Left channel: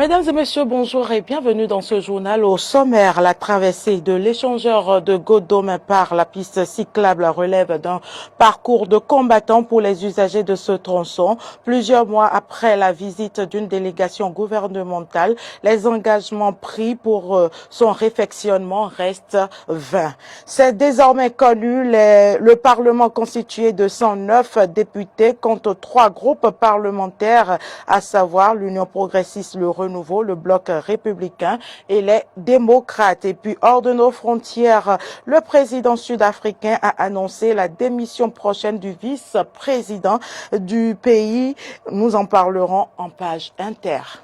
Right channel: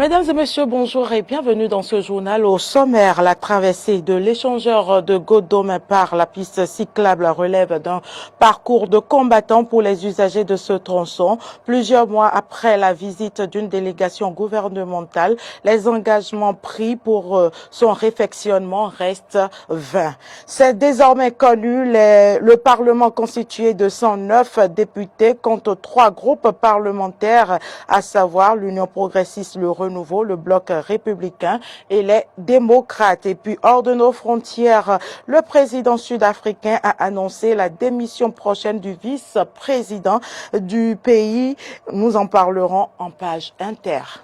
Mesdames et messieurs, bonjour et bienvenue dans ce journal. Au sommaire, la traversée de l'échangeur de Godome par la piste cyclable relève d'un parcours de combattants pour les usagers de ce tronçon. Plusieurs mois après la visite d'une délégation gouvernementale, les engagements pris pour son réfectionnement restent vains. C'est désormais connu, le Parlement constitué de 109 députés compte 3 groupes parlementaires, à savoir l'Union progressiste, le Renouveau, le Bloc républicain et les démocrates. Et puis, hors de nos frontières, le président sud-africain a annoncé la démission prochaine du vice-président du pays. Nous en parlerons en page inter.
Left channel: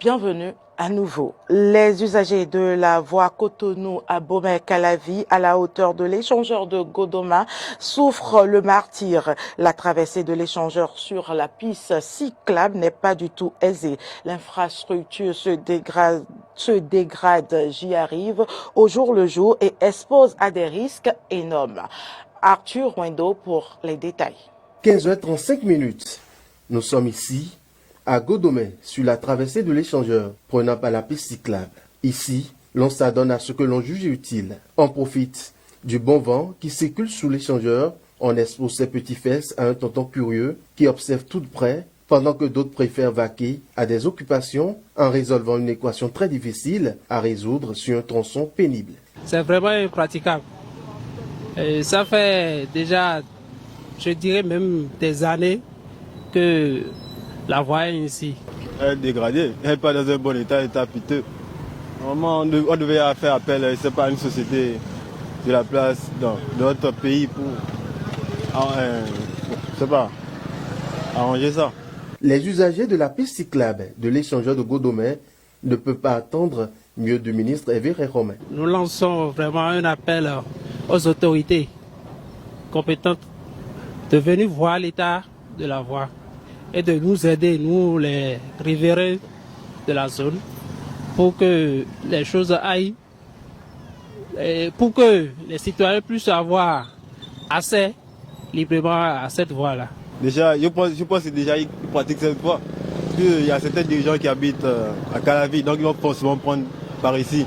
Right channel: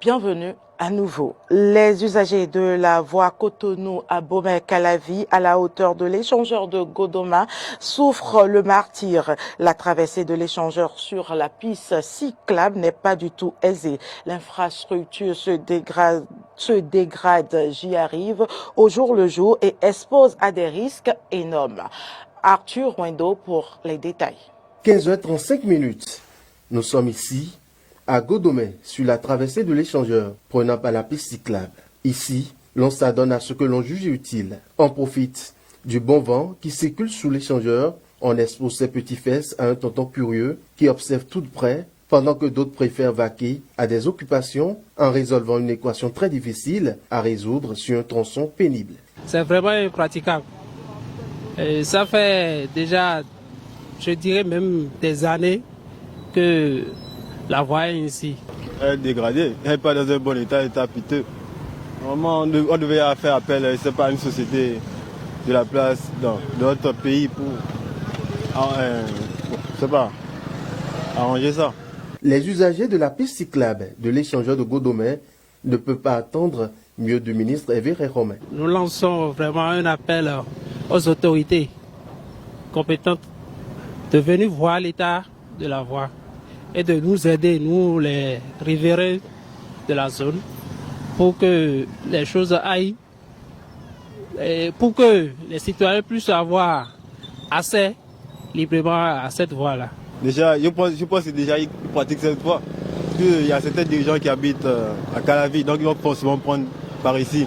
Bienvenue à nouveau. Les usagers de la voie Cotonou à Bomey-Calavi, à la hauteur de l'échangeur de Godoma, souffrent le martyre. La traversée de l'échangeur sur la piste cyclable n'est pas du tout aisée. L'infrastructure se dégrade, j'y arrive, au jour le jour et expose à des risques énormes. Arthur Wendo pour les détails. 15h35. Nous sommes ici à Godomé, sur la traversée de l'échangeur, prenant par la piste cyclable. Ici, l'on s'adonne à ce que l'on juge utile. On profite du bon vent qui circule sous l'échangeur. On expose ses petits fesses à un tonton curieux qui observe tout de près, pendant que d'autres préfèrent vaquer à des occupations en résolvant une équation très difficile à résoudre sur un tronçon pénible. C'est vraiment impraticable. Et ça fait déjà, je dirais même des années que la voie est ici. Elle est dégradée, elle n'est pas dans un bon état piteux. Vraiment, on devait faire appel, c'est pas une société de la place dans notre pays pour arranger ça. Les usagers de la piste cyclable de l'échangeur de Godomé ne peuvent pas attendre mieux du ministre Evere Romain. Nous lançons vraiment un appel aux autorités compétentes de venir voir l'état de la voie et de nous aider, nous les riverains de la zone, pour que les choses aillent, et pour que les citoyens puissent avoir accès librement à cette voie-là. Déjà, je pense que c'est déjà une pratique cette voie. Parce qu'il y a certains dirigeants qui habitent à Calavi, donc ils vont forcément prendre par ici.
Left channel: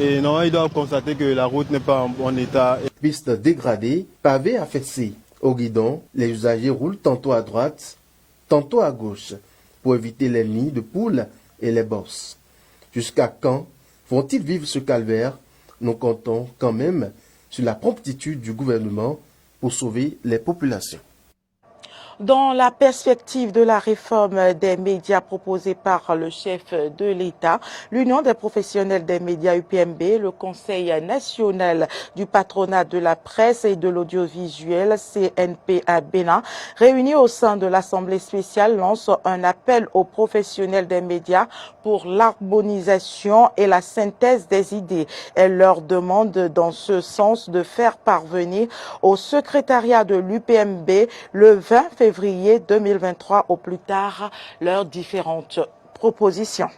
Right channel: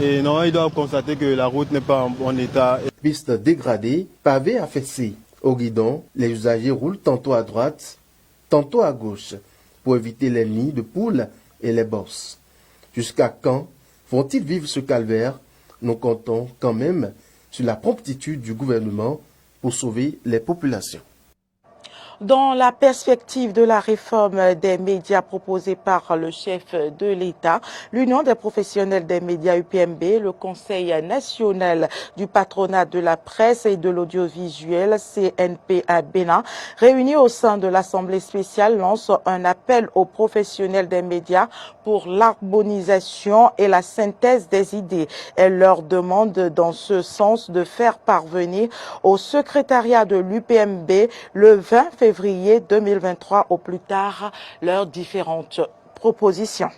Et non, ils doivent constater que la route n'est pas en bon état. Piste dégradée, pavée affaissée. Au guidon, les usagers roulent tantôt à droite, tantôt à gauche, pour éviter les nids de poules et les bosses. Jusqu'à quand vont-ils vivre ce calvaire? Nous comptons quand même sur la promptitude du gouvernement pour sauver les populations. Dans la perspective de la réforme des médias proposée par le chef de l'État, l'Union des professionnels des médias UPMB, le Conseil national du patronat de la presse et de l'audiovisuel CNPA Bénin, réunis au sein de l'Assemblée spéciale, lance un appel aux professionnels des médias pour l'harmonisation et la synthèse des idées. Elle leur demande dans ce sens de faire parvenir au secrétariat de l'UPMB le 20 février 2023 au plus tard leurs différentes propositions.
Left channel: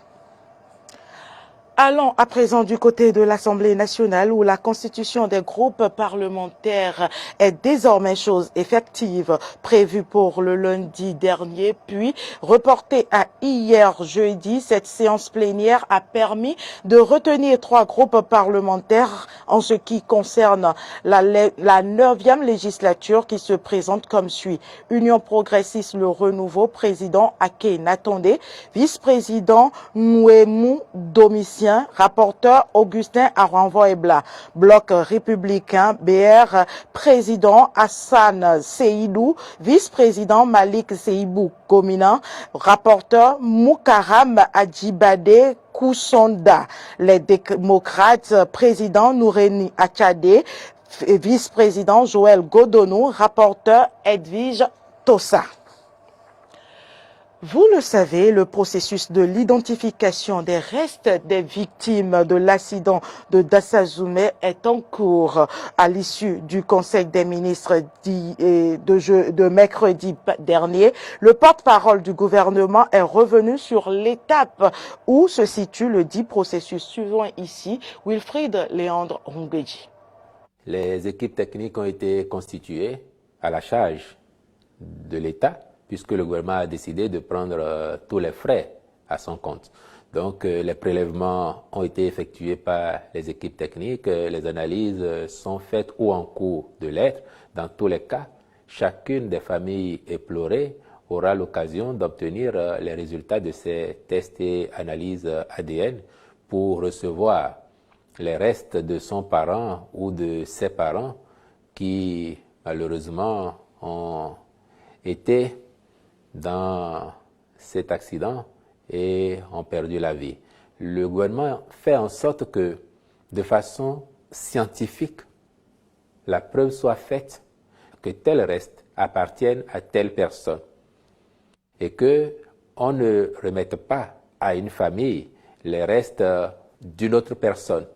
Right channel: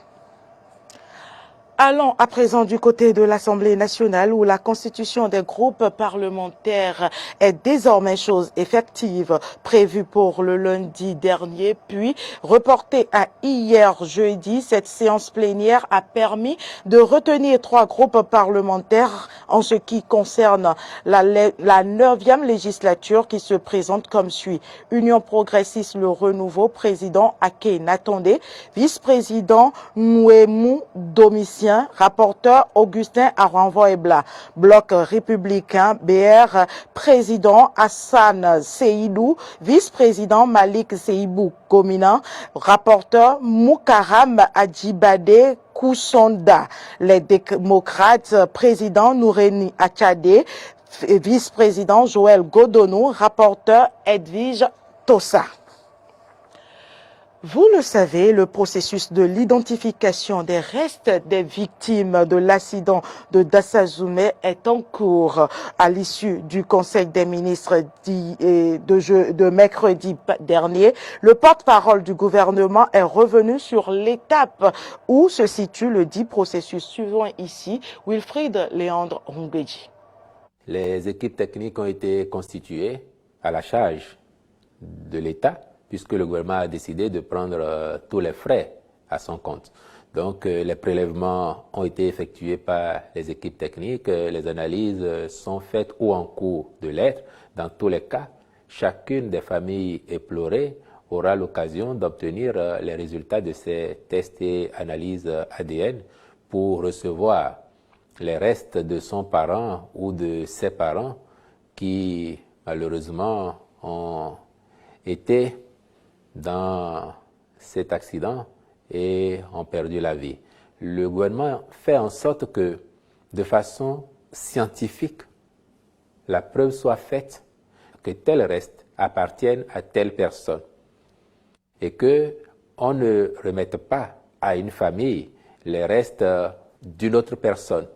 Allons à présent du côté de l'Assemblée nationale où la constitution des groupes parlementaires est désormais chose effective, prévue pour le lundi dernier, puis reportée à hier jeudi. Cette séance plénière a permis de retenir 3 groupes parlementaires en ce qui concerne la 9e législature qui se présente comme suit. Union progressiste, le Renouveau, président Ake Natondé, vice-président Nouemou Domitien, rapporteur Augustin Aranvoebla, Bloc républicain BR, président Hassan Seydou, vice-président Malik Seibou Gomina, rapporteur Moukaram Adjibade Koussonda, les démocrates, président Noureni Achade, vice-président Joël Godonou, rapporteur Edwige Tossa. Vous le savez, le processus de l'identification des restes des victimes de l'accident de Dassazoumé est en cours. À l'issue du Conseil des ministres de mercredi dernier, le porte-parole du gouvernement est revenu sur l'étape où se situe le dit processus. Suivant ici Wilfried Léandre Ongbeji. Les équipes techniques ont été constituées à la charge de l'État, puisque le gouvernement a décidé de prendre tous les frais à son compte. Donc les prélèvements ont été effectués par les équipes techniques, les analyses sont faites ou en cours de l'être. Dans tous les cas, chacune des familles éplorées aura l'occasion d'obtenir les résultats de ces tests et analyses ADN pour recevoir les restes de son parent ou de ses parents qui, malheureusement, ont été dans cet accident et ont perdu la vie. Le gouvernement fait en sorte que, de façon scientifique, la preuve soit faite que tel reste appartienne à telle personne et qu'on ne remette pas à une famille les restes d'une autre personne.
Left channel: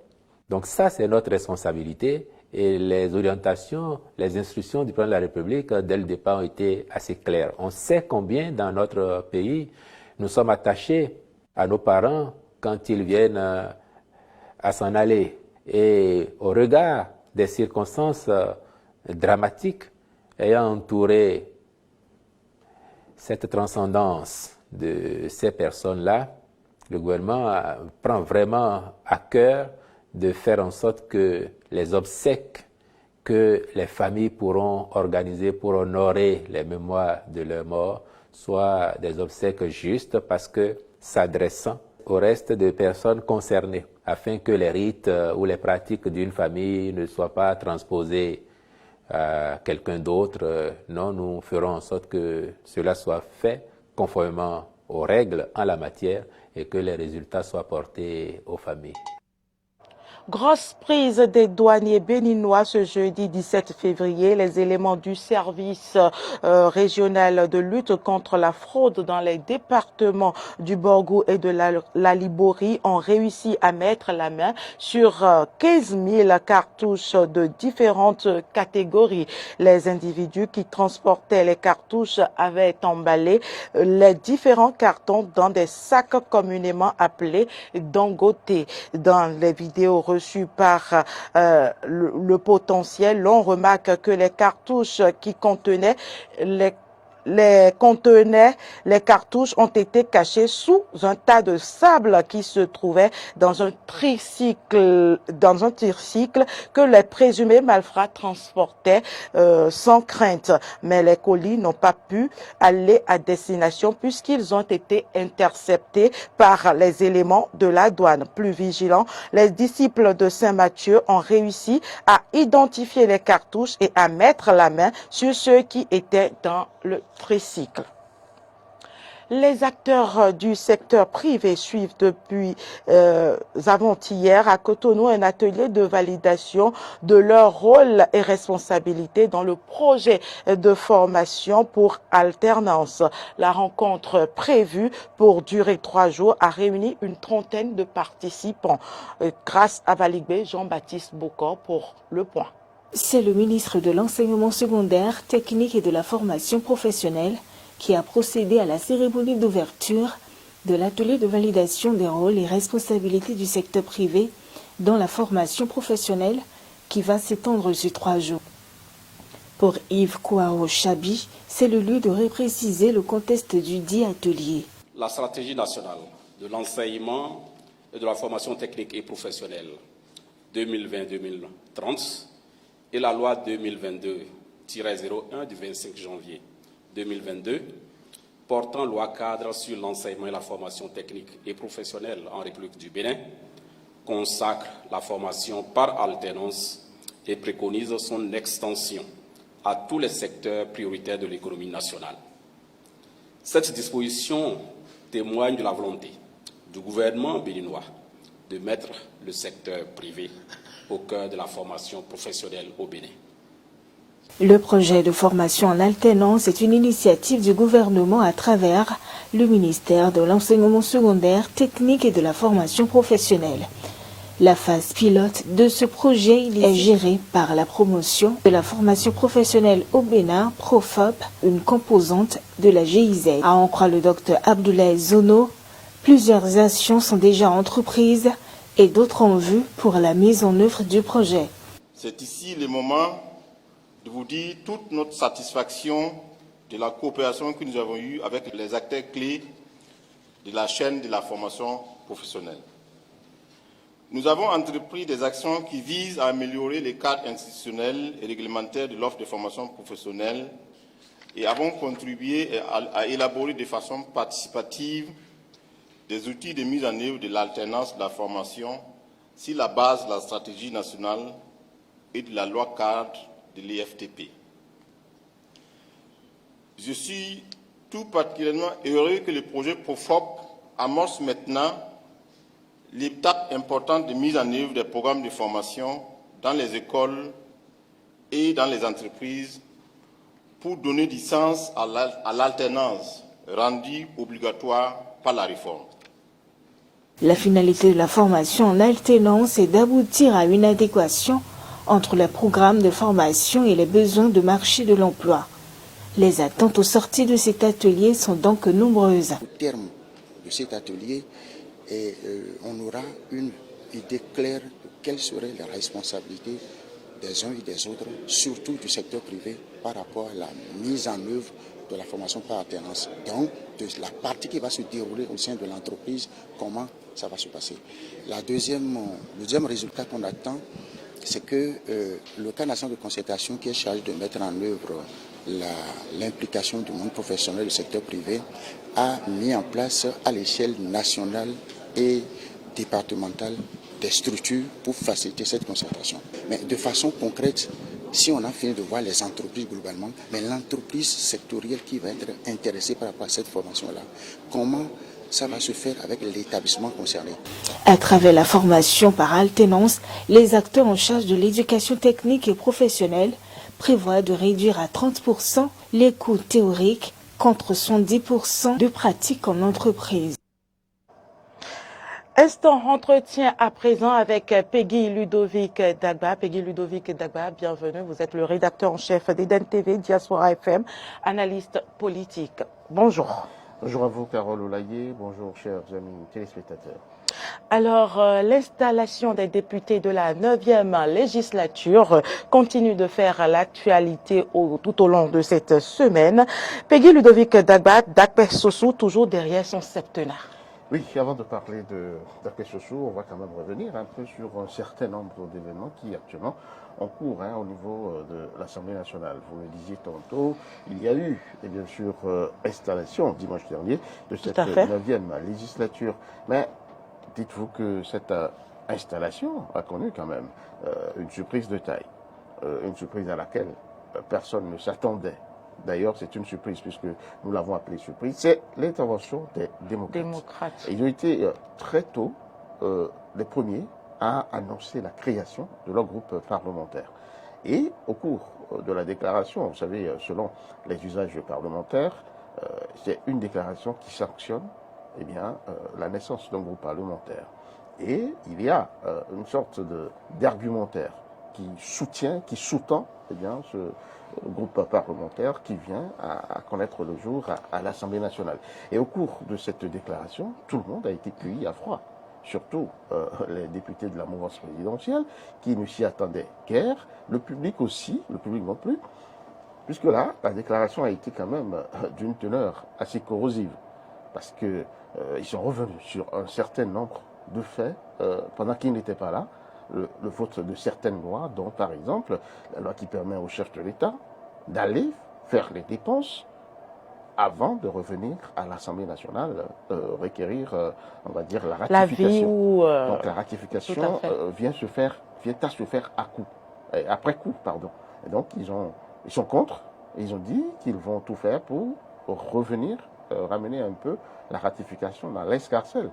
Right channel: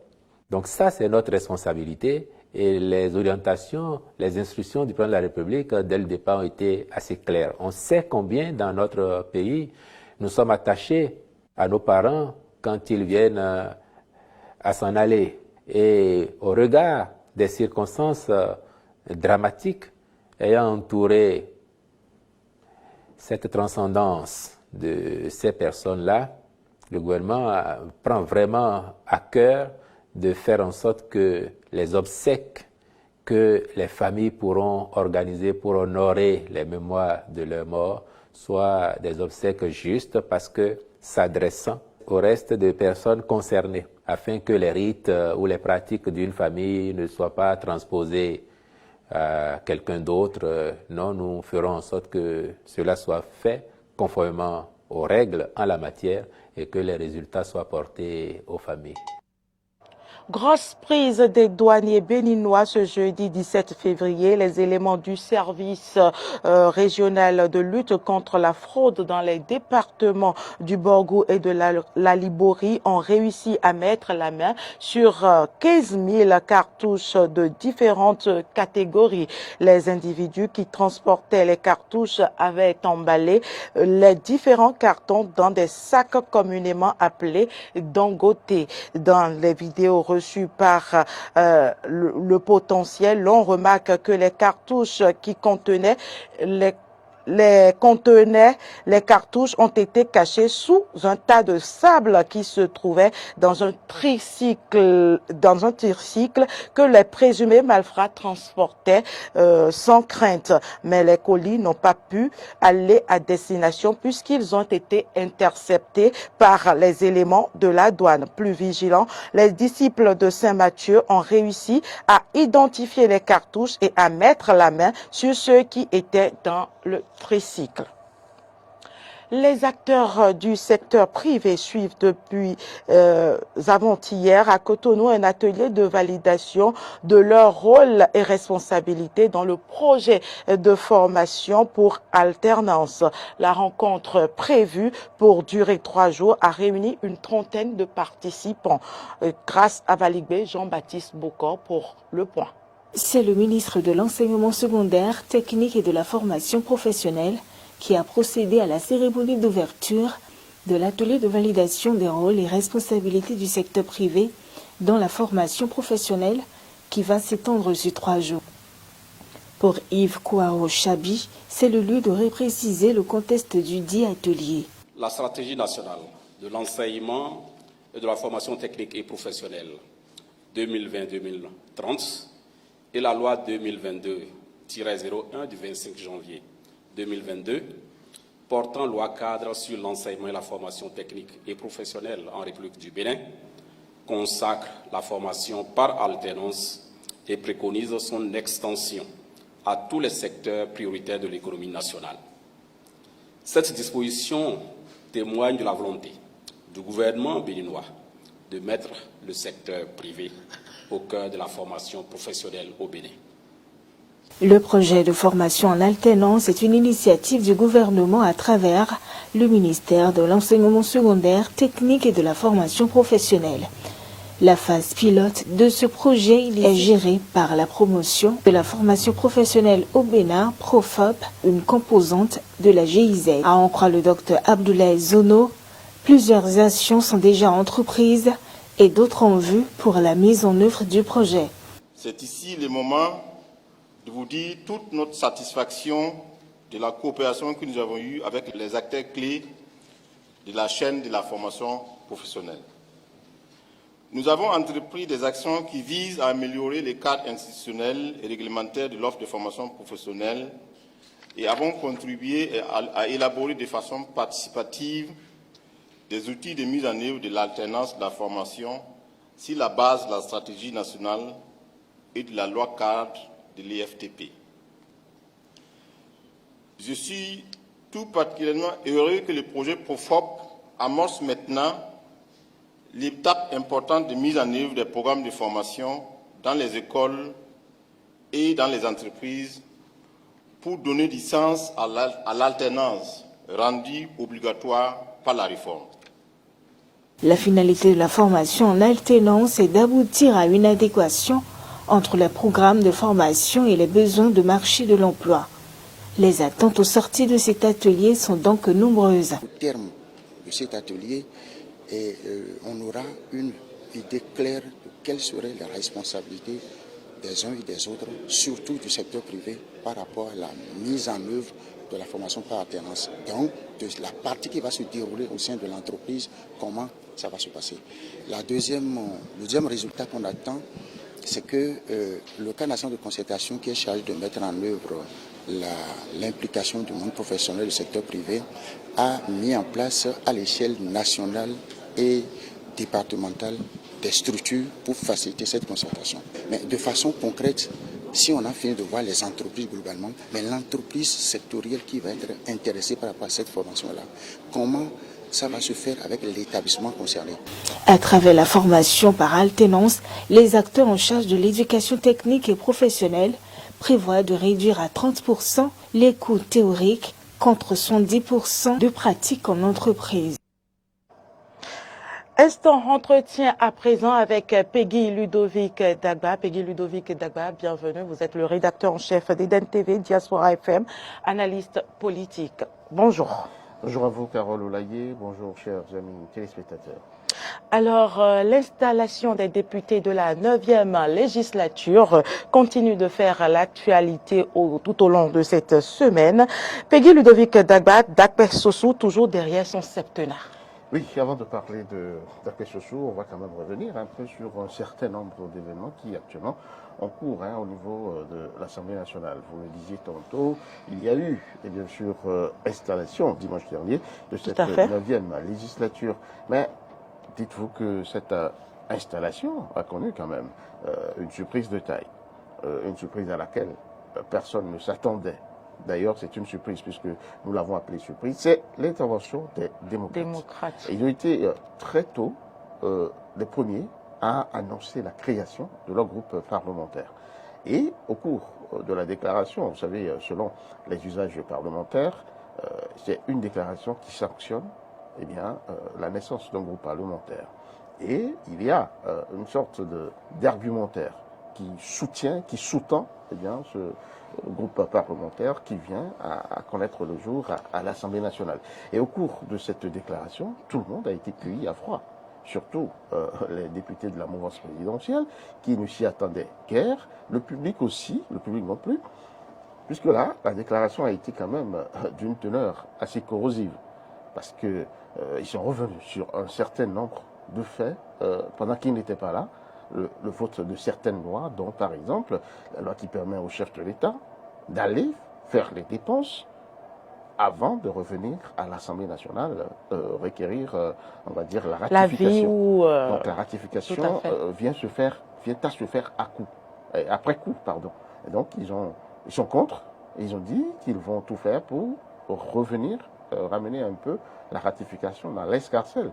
Donc ça, c'est notre responsabilité et les orientations, les instructions du président de la République, dès le départ, ont été assez claires. On sait combien dans notre pays, nous sommes attachés à nos parents quand ils viennent à s'en aller. Et au regard des circonstances dramatiques ayant entouré cette transcendance de ces personnes-là, le gouvernement prend vraiment à cœur de faire en sorte que les obsèques que les familles pourront organiser pour honorer les mémoires de leurs morts soient des obsèques justes parce que s'adressant au reste des personnes concernées, afin que les rites ou les pratiques d'une famille ne soient pas transposés à quelqu'un d'autre. Non, nous ferons en sorte que cela soit fait conformément aux règles en la matière et que les résultats soient portés aux familles. Grosse prise des douaniers béninois ce jeudi 17 février. Les éléments du service régional de lutte contre la fraude dans les départements du Borgou et de la Liborie ont réussi à mettre la main sur 15 000 cartouches de différentes catégories. Les individus qui transportaient les cartouches avaient emballé les différents cartons dans des sacs communément appelés dangotés. Dans les vidéos reçu par le potentiel, l'on remarque que les cartouches qui contenaient les cartouches ont été cachées sous un tas de sable qui se trouvait dans un tricycle que les présumés malfrats transportaient sans crainte. Mais les colis n'ont pas pu aller à destination puisqu'ils ont été interceptés par les éléments de la douane. Plus vigilants, les disciples de Saint-Mathieu ont réussi à identifier les cartouches et à mettre la main sur ceux qui étaient dans le tricycle. Les acteurs du secteur privé suivent depuis avant-hier à Cotonou un atelier de validation de leur rôle et responsabilité dans le projet de formation pour alternance. La rencontre prévue pour durer 3 jours a réuni une trentaine de participants. Grâce à Baligbe, Jean-Baptiste Bokor pour Le Point. C'est le ministre de l'Enseignement secondaire, technique et de la formation professionnelle qui a procédé à la cérémonie d'ouverture de l'atelier de validation des rôles et responsabilités du secteur privé dans la formation professionnelle qui va s'étendre sur 3 jours. Pour Yves Kouao Chabi, c'est le lieu de repréciser le contexte du dit atelier. La stratégie nationale de l'enseignement et de la formation technique et professionnelle 2020-2030 et la loi 2022-01 du 25 janvier 2022 portant loi cadre sur l'enseignement et la formation technique et professionnelle en République du Bénin consacre la formation par alternance et préconise son extension à tous les secteurs prioritaires de l'économie nationale. Cette disposition témoigne de la volonté du gouvernement béninois de mettre le secteur privé au cœur de la formation professionnelle au Bénin. Le projet de formation en alternance est une initiative du gouvernement à travers le ministère de l'Enseignement secondaire, technique et de la formation professionnelle. La phase pilote de ce projet est gérée par la promotion de la formation professionnelle au Bénin, Profop, une composante de la GIZ. À en croire le docteur Abdoulaye Zono, plusieurs actions sont déjà entreprises et d'autres en vue pour la mise en œuvre du projet. C'est ici le moment de vous dire toute notre satisfaction de la coopération que nous avons eue avec les acteurs clés de la chaîne de la formation professionnelle. Nous avons entrepris des actions qui visent à améliorer les cadres institutionnels et réglementaires de l'offre de formation professionnelle et avons contribué à élaborer de façon participative des outils de mise en œuvre de l'alternance de la formation sur la base de la stratégie nationale et de la loi cadre de l'IFTP. Je suis tout particulièrement heureux que le projet PROFOP amorce maintenant l'étape importante de mise en œuvre des programmes de formation dans les écoles et dans les entreprises pour donner du sens à l'alternance rendue obligatoire par la réforme. La finalité de la formation en alternance est d'aboutir à une adéquation entre les programmes de formation et les besoins de marché de l'emploi. Les attentes aux sorties de cet atelier sont donc nombreuses. Au terme de cet atelier, on aura une idée claire de quelles seraient les responsabilités des uns et des autres, surtout du secteur privé, par rapport à la mise en œuvre de la formation par alternance. Donc, de la partie qui va se dérouler au sein de l'entreprise, comment ça va se passer. Le deuxième résultat qu'on attend, c'est que le cadre national de concertation qui est chargé de mettre en œuvre l'implication du monde professionnel du secteur privé a mis en place à l'échelle nationale et départementale des structures pour faciliter cette concertation. Mais de façon concrète, si on a fait de voir les entreprises globalement, mais l'entreprise sectorielle qui va être intéressée par rapport à cette formation-là, comment ça va se faire avec l'établissement concerné. À travers la formation par alternance, les acteurs en charge de l'éducation technique et professionnelle prévoit de réduire à 30% les coûts théoriques contre 110% de pratiques en entreprise. Instant entretien à présent avec Peggy Ludovic Dagba. Peggy Ludovic Dagba, bienvenue. Vous êtes le rédacteur en chef d'Eden TV, Diaspora FM, analyste politique. Bonjour. Bonjour à vous, Carole Olaye. Bonjour, chers amis téléspectateurs. Alors, l'installation des députés de la 9e législature continue de faire l'actualité tout au long de cette semaine. Peggy Ludovic Dagba, Dakpe Soso, toujours derrière son septenaire. Oui, avant de parler de Dakpe Soso, on va quand même revenir un peu sur un certain nombre d'événements qui actuellement en cours au niveau de l'Assemblée nationale. Vous le disiez tantôt, il y a eu, et bien sûr, installation dimanche dernier de cette 9e législature. Mais dites-vous que cette installation a connu quand même une surprise de taille, une surprise à laquelle personne ne s'attendait. D'ailleurs, c'est une surprise puisque nous l'avons appelée surprise, c'est l'intervention des démocrates. Et ils ont été très tôt les premiers à annoncer la création de leur groupe parlementaire. Et au cours de la déclaration, vous savez, selon les usages parlementaires, c'est une déclaration qui sanctionne la naissance d'un groupe parlementaire. Et il y a une sorte d'argumentaire qui soutient, qui sous-tend ce groupe parlementaire qui vient à connaître le jour à l'Assemblée nationale. Et au cours de cette déclaration, tout le monde a été cueilli à froid. Surtout les députés de la mouvance présidentielle qui ne s'y attendaient guère, le public aussi, le public non plus, puisque là, la déclaration a été quand même d'une teneur assez corrosive, parce qu'ils sont revenus sur un certain nombre de faits pendant qu'ils n'étaient pas là, le vote de certaines lois, dont par exemple la loi qui permet au chef de l'État d'aller faire les dépenses avant de revenir à l'Assemblée nationale requérir, on va dire, la ratification. Donc la ratification vient à se faire après coup, pardon. Et donc ils sont contre, et ils ont dit qu'ils vont tout faire pour revenir, ramener un peu la ratification dans l'escarcelle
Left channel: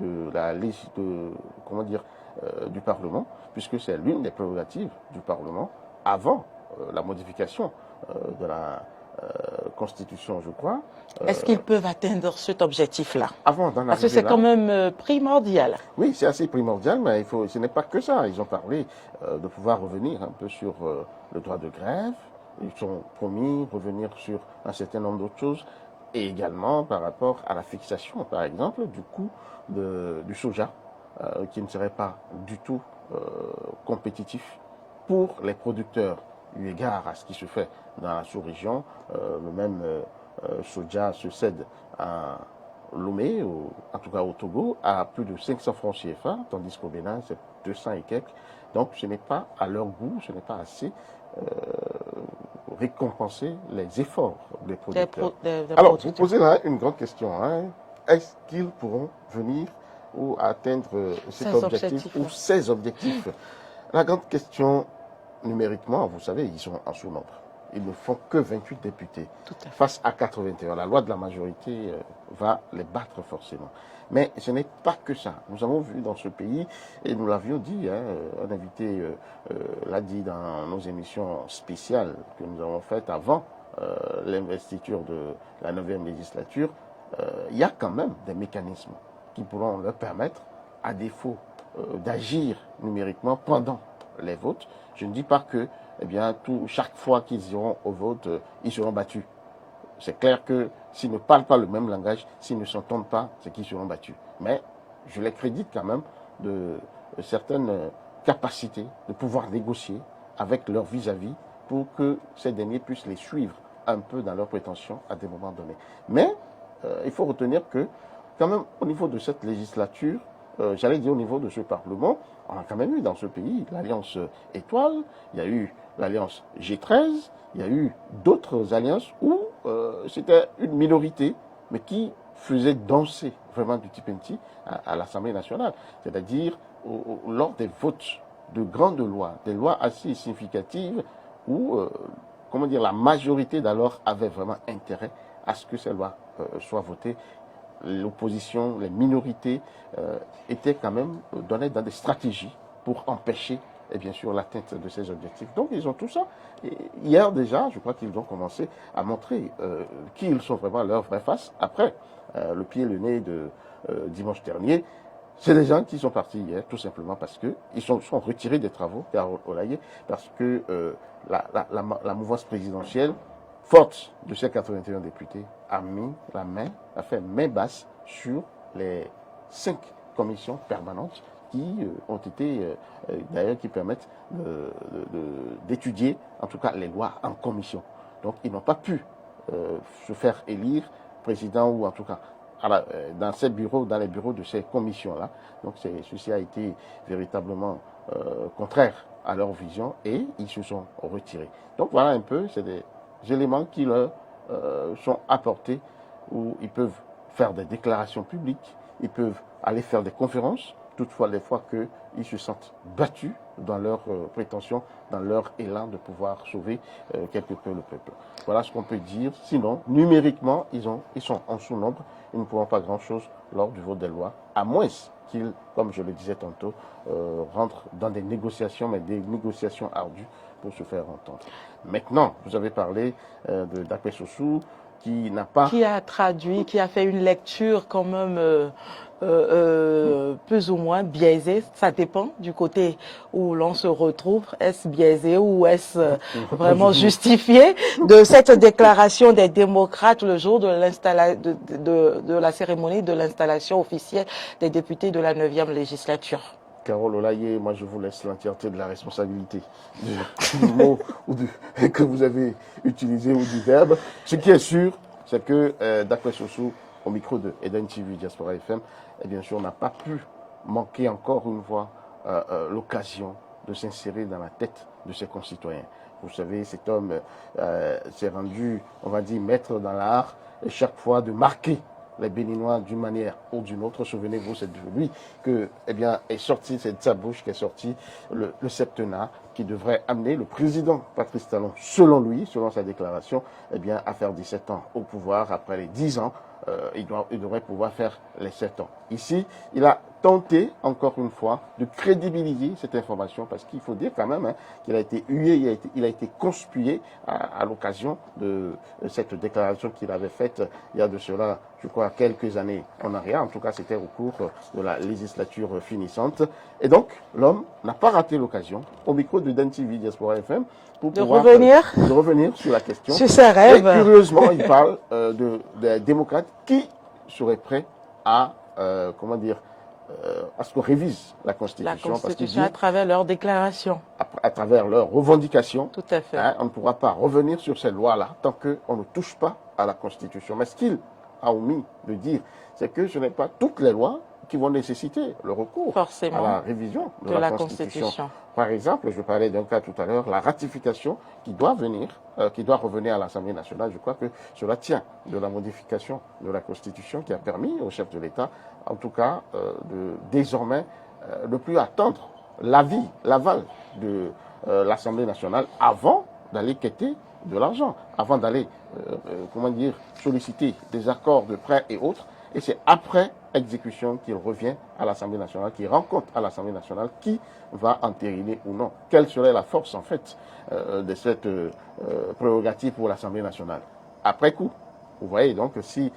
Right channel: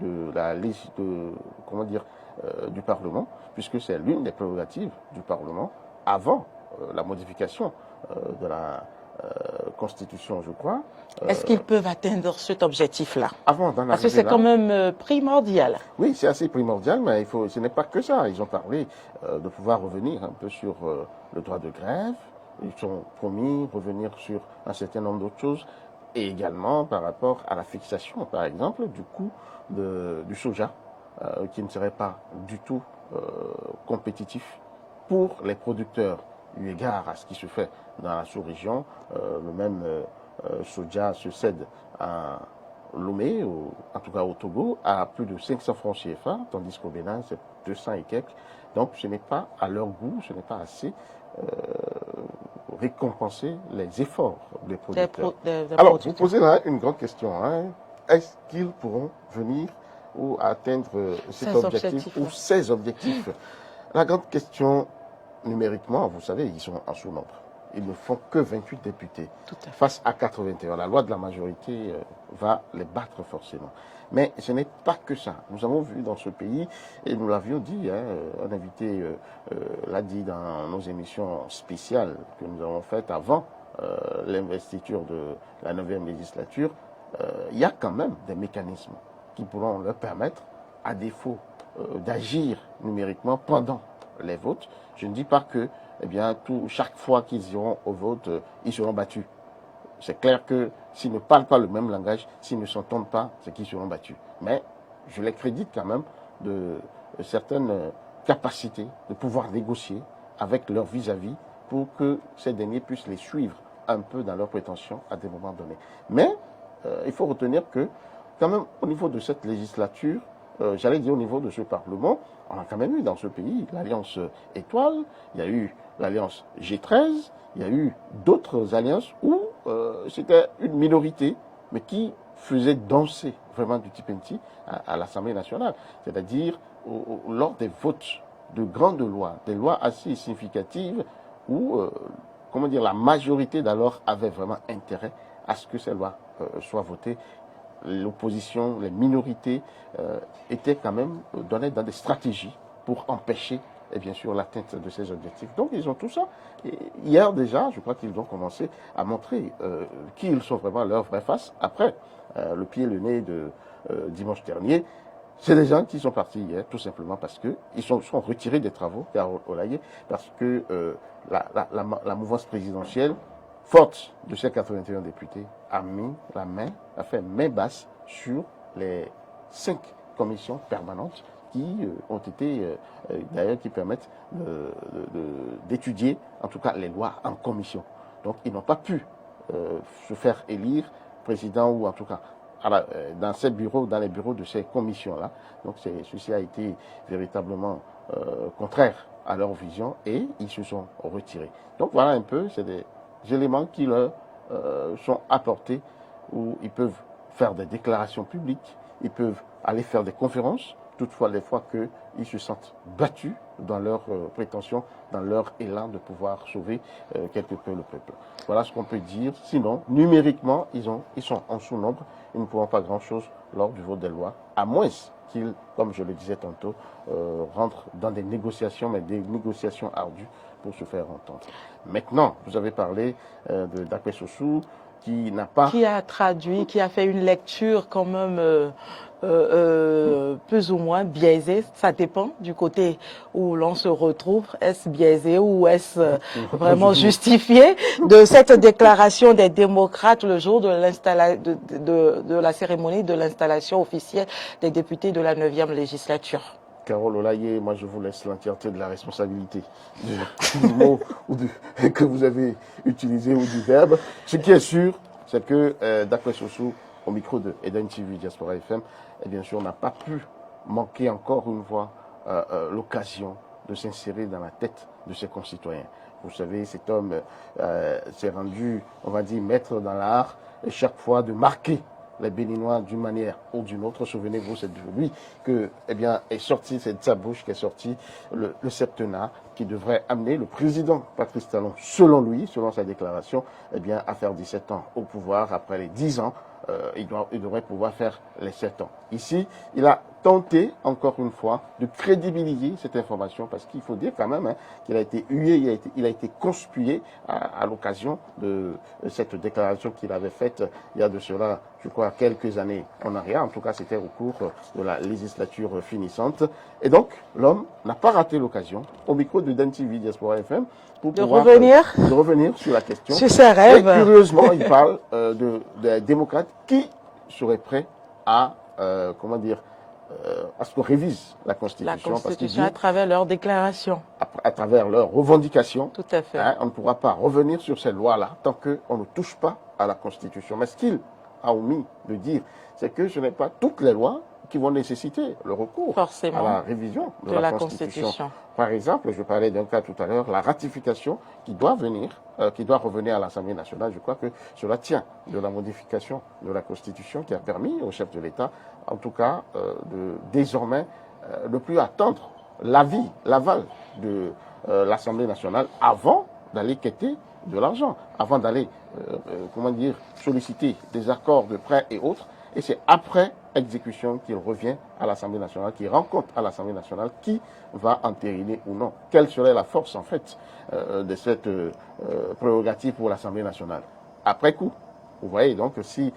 de la liste du Parlement, puisque c'est l'une des prérogatives du Parlement avant la modification de la Constitution, je crois. Est-ce qu'ils peuvent atteindre cet objectif-là? Parce que c'est quand même primordial. Oui, c'est assez primordial, mais ce n'est pas que ça. Ils ont parlé de pouvoir revenir un peu sur le droit de grève. Ils ont promis revenir sur un certain nombre d'autres choses, et également par rapport à la fixation, par exemple, du coût du soja, qui ne serait pas du tout compétitif pour les producteurs eu égard à ce qui se fait dans la sous-région. Même Soja se cède à Lomé, en tout cas au Togo, à plus de 500 francs CFA, tandis qu'au Bénin, c'est 200 et quelques. Donc ce n'est pas à leur goût, ce n'est pas assez récompenser les efforts des producteurs. Alors, vous posez là une grande question. Hein. Est-ce qu'ils pourront venir ou atteindre cet objectif ou ces objectifs? La grande question, numériquement, vous savez, ils sont en sous-nombre. Ils ne font que 28 députés face à 81. La loi de la majorité va les battre forcément. Mais ce n'est pas que ça. Nous avons vu dans ce pays, et nous l'avions dit, hein, un invité l'a dit dans nos émissions spéciales que nous avons faites avant l'investiture de la 9e législature, il y a quand même des mécanismes qui pourront leur permettre, à défaut d'agir numériquement pendant les votes. Je ne dis pas que eh bien, chaque fois qu'ils iront au vote, ils seront battus. C'est clair que s'ils ne parlent pas le même langage, s'ils ne s'entendent pas, c'est qu'ils seront battus. Mais je les crédite quand même de certaines capacités de pouvoir négocier avec leurs vis-à-vis pour que ces derniers puissent les suivre un peu dans leurs prétentions à des moments donnés. Mais il faut retenir que quand même au niveau de cette législature, j'allais dire au niveau de ce Parlement, on a quand même eu dans ce pays l'Alliance Étoile, il y a eu l'Alliance G13, il y a eu d'autres alliances où c'était une minorité, mais qui faisait danser vraiment du Tipenti à l'Assemblée nationale. C'est-à-dire lors des votes de grandes lois, des lois assez significatives où, comment dire, la majorité d'alors avait vraiment intérêt à ce que ces lois soient votées. L'opposition, les minorités étaient quand même données dans des stratégies pour empêcher, et bien sûr, l'atteinte de ces objectifs. Donc, ils ont tout ça. Et hier déjà, je crois qu'ils ont commencé à montrer qui ils sont vraiment à leur vraie face. Après, le pied et le nez de dimanche dernier, c'est des gens qui sont partis hier, tout simplement parce qu'ils sont retirés des travaux, parce que la mouvance présidentielle, forte de ces 81 députés, a mis la main, a fait main basse sur les 5 commissions permanentes qui ont été, d'ailleurs, qui permettent d'étudier, en tout cas, les lois en commission. Donc, ils n'ont pas pu se faire élire président ou en tout cas dans ces bureaux, dans les bureaux de ces commissions-là. Donc, ceci a été véritablement contraire à leur vision et ils se sont retirés. Donc, voilà un peu, c'est des éléments qui leur sont apportés où ils peuvent faire des déclarations publiques, ils peuvent aller faire des conférences, toutefois les fois qu'ils se sentent battus dans leurs prétentions, dans leur élan de pouvoir sauver quelque peu le peuple. Voilà ce qu'on peut dire. Sinon, numériquement, ils sont en sous-nombre, ils ne pourront pas grand-chose lors du vote des lois, à moins qu'ils, comme je le disais tantôt, rentrent dans des négociations, mais des négociations ardues pour se faire entendre. Maintenant, vous avez parlé d'Apé Sossou, qui n'a pas... Qui a traduit, qui a fait une lecture quand même plus ou moins biaisée. Ça dépend du côté où l'on se retrouve. Est-ce biaisé ou est-ce vraiment justifié de cette déclaration des démocrates le jour de la cérémonie de l'installation officielle des députés de la 9e législature? Carole Olaye, moi je vous laisse l'entièreté de la responsabilité du mot que vous avez utilisé ou du verbe. Ce qui est sûr, c'est que d'après Sossou, au micro de Eden TV Diaspora FM, et bien sûr, on n'a pas pu manquer encore une fois l'occasion de s'insérer dans la tête de ses concitoyens. Vous savez, cet homme s'est rendu, on va dire, maître dans l'art, et chaque fois de marquer les Béninois d'une manière ou d'une autre. Souvenez-vous, c'est de lui que, eh bien, est sorti, c'est de sa bouche qu'est sorti le septennat qui devrait amener le président Patrice Talon, selon lui, selon sa déclaration, eh bien, à faire 17 ans au pouvoir. Après les 10 ans, il devrait pouvoir faire les 7 ans. Ici, il a tenté, encore une fois, de crédibiliser cette information, parce qu'il faut dire quand même qu'il a été hué, il a été conspué à l'occasion de cette déclaration qu'il avait faite il y a de cela, je crois, quelques années en arrière. En tout cas, c'était au cours de la législature finissante. Et donc, l'homme n'a pas raté l'occasion, au micro de Den TV Diaspora FM, de revenir sur la question. Sur ses rêves. Et curieusement, il parle des démocrates qui seraient prêts à, comment dire, à ce qu'on révise la Constitution. Parce à travers leurs déclarations. À travers leurs revendications. Tout à fait. On ne pourra pas revenir sur ces lois-là tant qu'on ne touche pas à la Constitution. Mais ce qu'il a omis de dire, c'est que ce n'est pas toutes les lois qui vont nécessiter le recours forcément à la révision de la Constitution. Par exemple, je parlais d'un cas tout à l'heure, la ratification qui doit revenir à l'Assemblée nationale. Je crois que cela tient de la modification de la Constitution qui a permis au chef de l'État, en tout cas, de désormais ne plus attendre l'aval de l'Assemblée nationale avant d'aller quêter de l'argent, avant d'aller, solliciter des accords de prêt et autres. Et c'est après exécution qu'il revient à l'Assemblée nationale, qu'il rencontre à l'Assemblée nationale qui va entériner ou non. Quelle serait la force, en fait, de cette prérogative pour l'Assemblée nationale? Après coup, vous voyez donc que si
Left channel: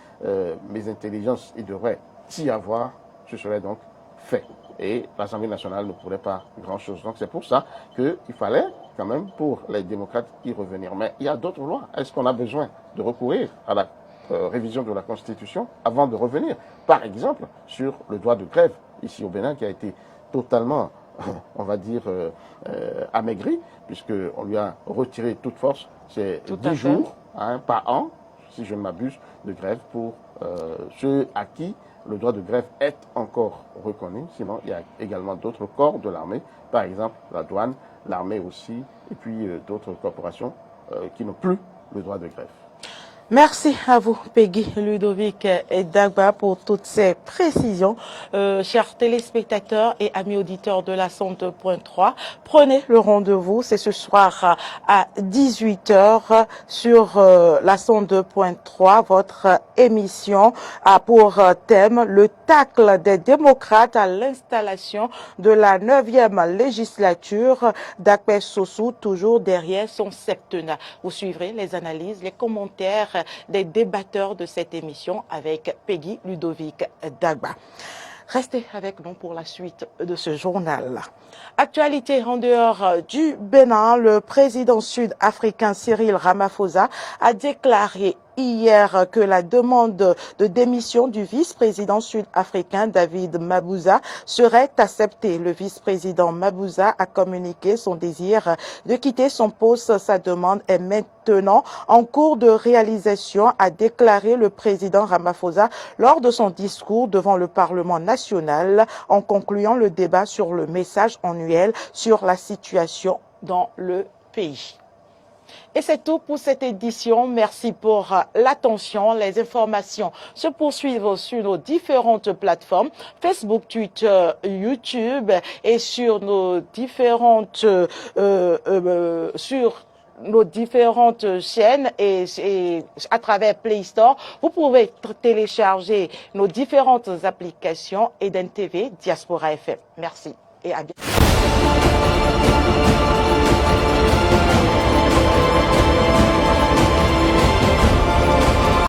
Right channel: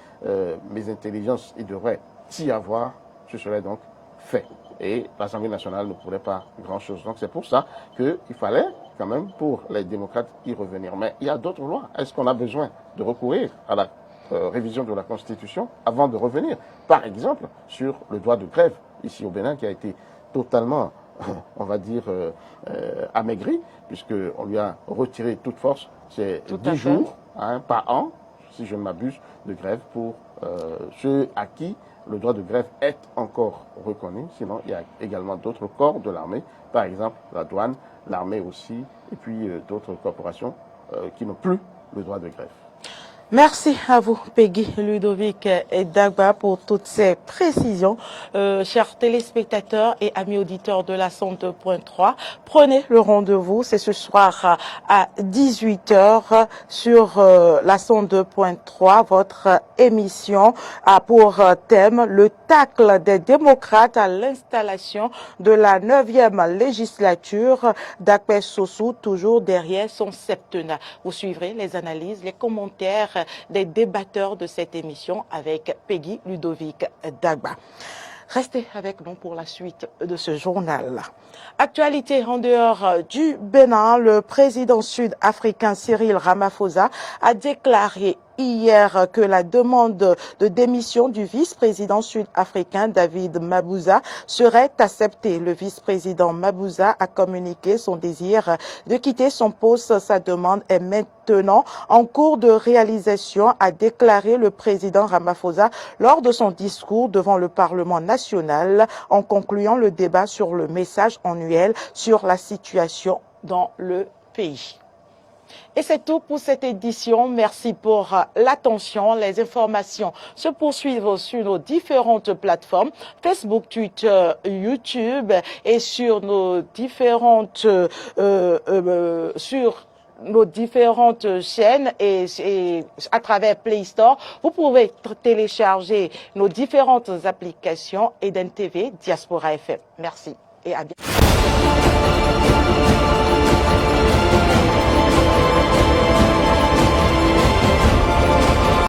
mes intelligences, il devrait s'y avoir, ce serait donc fait. Et l'Assemblée nationale ne pourrait pas grand-chose. Donc c'est pour ça qu'il fallait quand même, pour les démocrates, y revenir. Mais il y a d'autres lois. Est-ce qu'on a besoin de recourir à la révision de la Constitution avant de revenir, par exemple, sur le droit de grève ici au Bénin, qui a été totalement, on va dire, amaigri, puisqu'on lui a retiré toute force. C'est 10 jours par an, si je ne m'abuse, de grève pour ceux à qui le droit de grève est encore reconnu. Sinon, il y a également d'autres corps de l'armée, par exemple la douane, l'armée aussi, et puis d'autres corporations qui n'ont plus le droit de grève. Merci à vous, Peggy, Ludovic et Dagba, pour toutes ces précisions. Chers téléspectateurs et amis auditeurs de la 102.3, prenez le rendez-vous. C'est ce soir à 18h sur la 102.3. Votre émission a pour thème le tacle des démocrates à l'installation de la 9e législature d'Akpé Sossou, toujours derrière son septennat. Vous suivrez les analyses, les commentaires des débatteurs de cette émission avec Peggy, Ludovic, Dagba. Restez avec nous pour la suite de ce journal. Actualité en dehors du Bénin, le président sud-africain Cyril Ramaphosa a déclaré hier que la demande de démission du vice-président sud-africain David Mabuza serait acceptée. Le vice-président Mabuza a communiqué son désir de quitter son poste. Sa demande est maintenant en cours de réalisation, a déclaré le président Ramaphosa lors de son discours devant le Parlement national en concluant le débat sur le message annuel sur la situation dans le pays. Et c'est tout pour cette édition. Merci pour l'attention. Les informations se poursuivent sur nos différentes plateformes, Facebook, Twitter, YouTube et sur nos différentes chaînes et à travers Play Store. Vous pouvez télécharger nos différentes applications Eden TV, Diaspora FM. Merci et à bientôt.